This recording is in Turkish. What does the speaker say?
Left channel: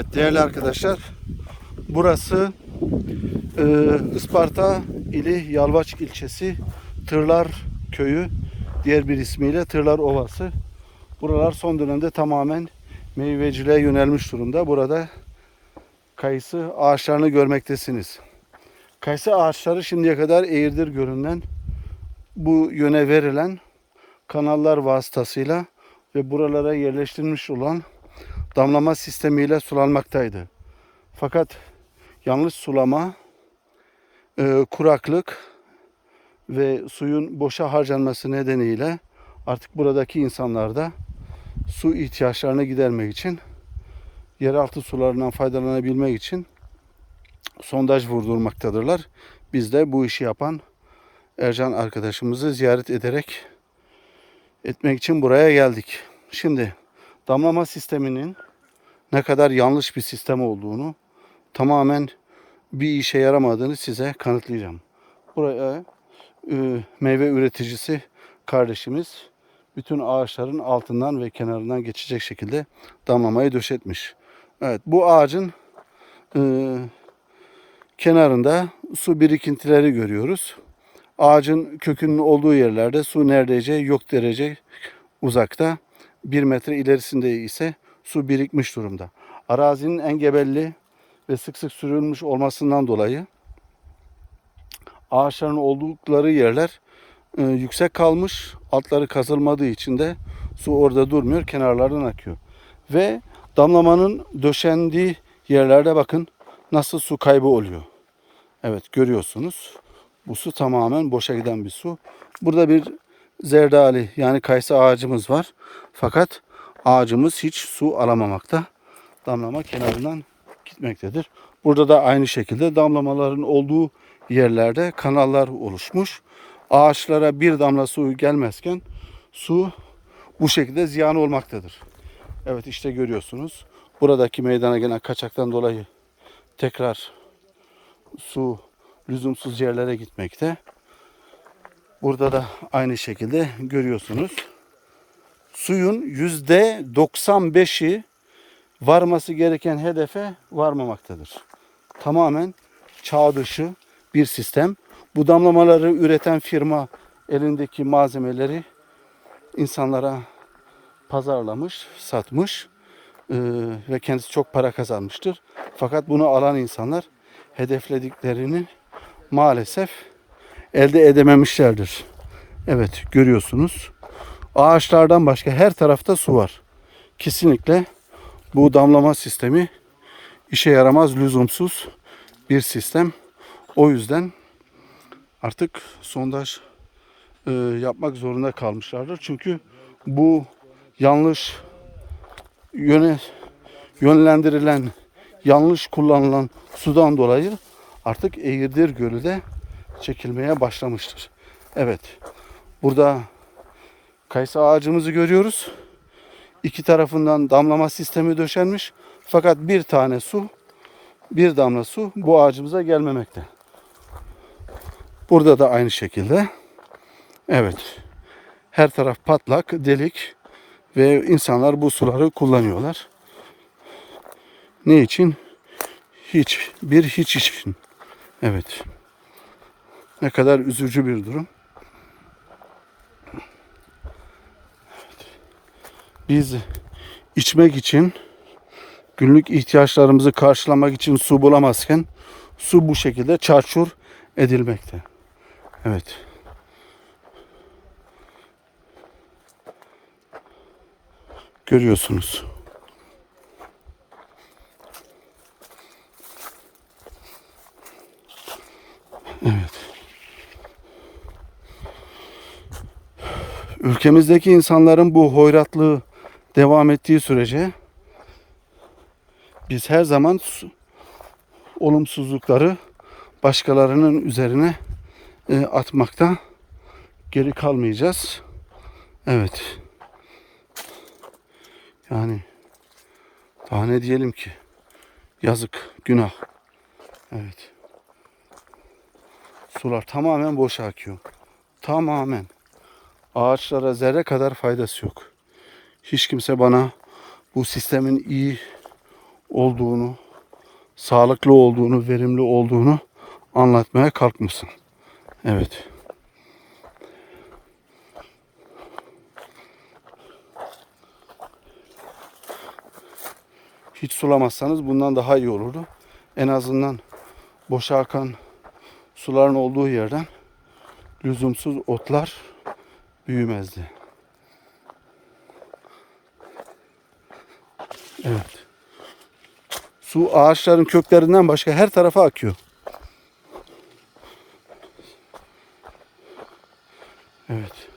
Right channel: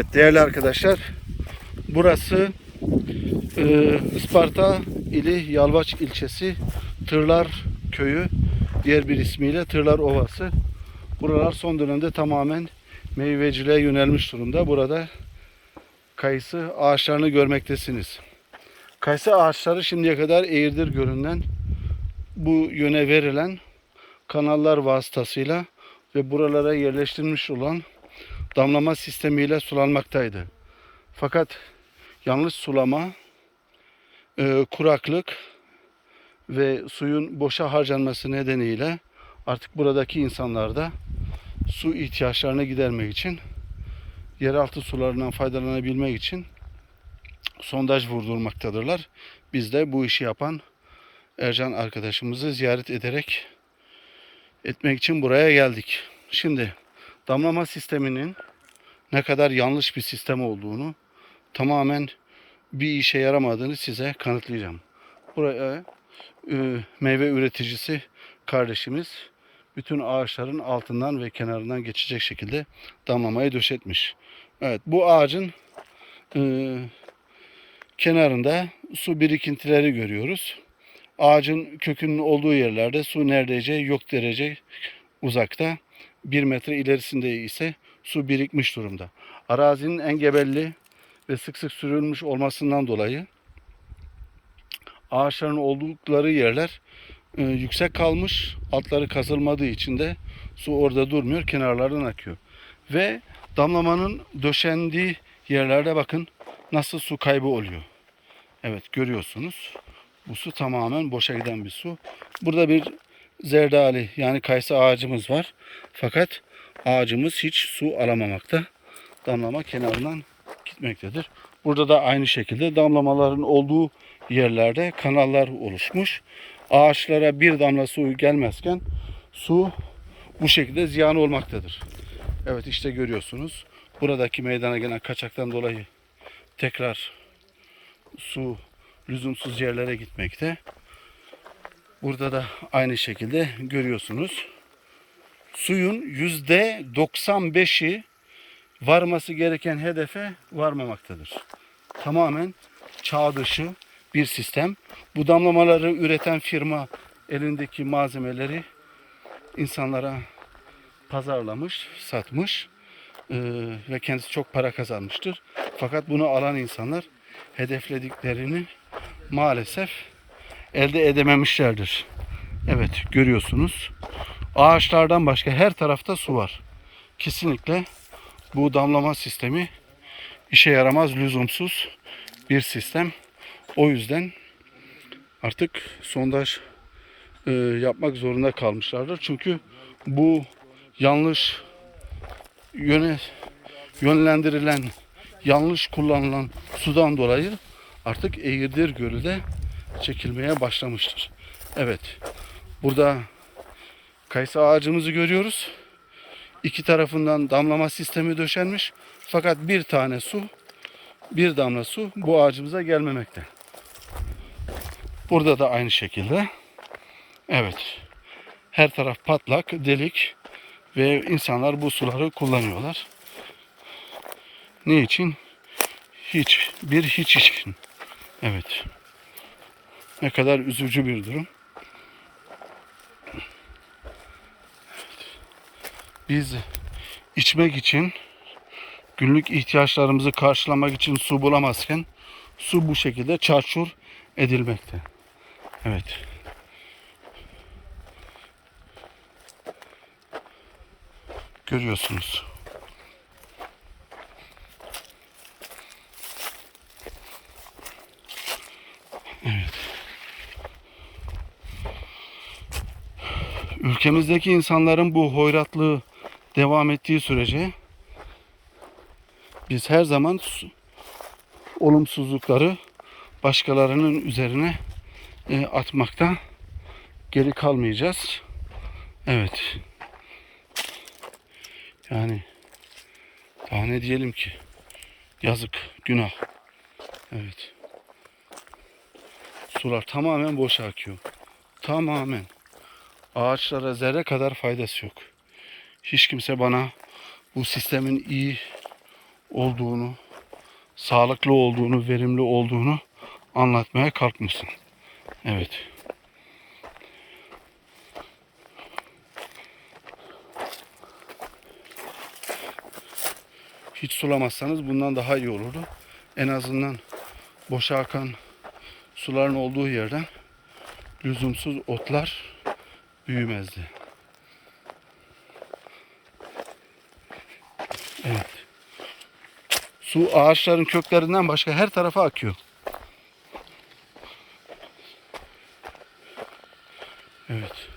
Evet, değerli arkadaşlar, burası e, Isparta ili Yalvaç ilçesi Tırlar Köyü, diğer bir ismiyle Tırlar Ovası. Buralar son dönemde tamamen meyveciliğe yönelmiş durumda. Burada kayısı ağaçlarını görmektesiniz. Kayısı ağaçları şimdiye kadar eğirdir görünen bu yöne verilen kanallar vasıtasıyla ve buralara yerleştirilmiş olan damlama sistemiyle sulanmaktaydı. Fakat yanlış sulama, e, kuraklık ve suyun boşa harcanması nedeniyle artık buradaki insanlar da su ihtiyaçlarını gidermek için yeraltı sularından faydalanabilmek için sondaj vurdurmaktadırlar. Biz de bu işi yapan Ercan arkadaşımızı ziyaret ederek etmek için buraya geldik. Şimdi damlama sisteminin ne kadar yanlış bir sistem olduğunu tamamen bir işe yaramadığını size kanıtlayacağım. Buraya e, meyve üreticisi kardeşimiz bütün ağaçların altından ve kenarından geçecek şekilde damlamayı döşetmiş. Evet bu ağacın e, kenarında su birikintileri görüyoruz. Ağacın kökünün olduğu yerlerde su neredeyse yok derece uzakta. Bir metre ilerisinde ise su birikmiş durumda. Arazinin engebelli ve sık sık sürülmüş olmasından dolayı ağaçların oldukları yerler e, yüksek kalmış. Altları kazılmadığı için de su orada durmuyor. Kenarlardan akıyor. Ve damlamanın döşendiği yerlerde bakın nasıl su kaybı oluyor. Evet görüyorsunuz. Bu su tamamen boşa giden bir su. Burada bir zerdali yani kayısı ağacımız var. Fakat ağacımız hiç su alamamakta. Damlama kenarından gitmektedir. Burada da aynı şekilde damlamaların olduğu yerlerde kanallar oluşmuş. Ağaçlara bir damla su gelmezken su bu şekilde ziyan olmaktadır. Evet işte görüyorsunuz. Buradaki meydana gelen kaçaktan dolayı tekrar su lüzumsuz yerlere gitmekte. Burada da aynı şekilde görüyorsunuz. Suyun yüzde 95'i varması gereken hedefe varmamaktadır. Tamamen çağ dışı bir sistem. Bu damlamaları üreten firma elindeki malzemeleri insanlara pazarlamış, satmış eee, ve kendisi çok para kazanmıştır. Fakat bunu alan insanlar hedeflediklerini maalesef elde edememişlerdir. Evet görüyorsunuz. Ağaçlardan başka her tarafta su var. Kesinlikle bu damlama sistemi işe yaramaz, lüzumsuz bir sistem. O yüzden artık sondaj e, yapmak zorunda kalmışlardır. Çünkü bu yanlış yöne yönlendirilen, yanlış kullanılan sudan dolayı artık Eğirdir Gölü de çekilmeye başlamıştır. Evet. Burada kayısı ağacımızı görüyoruz. İki tarafından damlama sistemi döşenmiş. Fakat bir tane su, bir damla su bu ağacımıza gelmemekte. Burada da aynı şekilde. Evet. Her taraf patlak, delik ve insanlar bu suları kullanıyorlar. Ne için? Hiç. Bir hiç için. Evet. Ne kadar üzücü bir durum. Biz içmek için günlük ihtiyaçlarımızı karşılamak için su bulamazken su bu şekilde çarçur edilmekte. Evet. Görüyorsunuz. Ülkemizdeki insanların bu hoyratlığı devam ettiği sürece biz her zaman su- olumsuzlukları başkalarının üzerine e, atmakta geri kalmayacağız. Evet. Yani daha ne diyelim ki? Yazık, günah. Evet. Sular tamamen boşa akıyor. Tamamen. Ağaçlara zerre kadar faydası yok. Hiç kimse bana bu sistemin iyi olduğunu, sağlıklı olduğunu, verimli olduğunu anlatmaya kalkmışsın. Evet. Hiç sulamazsanız bundan daha iyi olurdu. En azından boşa akan suların olduğu yerden lüzumsuz otlar büyümezdi. Evet. Su ağaçların köklerinden başka her tarafa akıyor. Evet.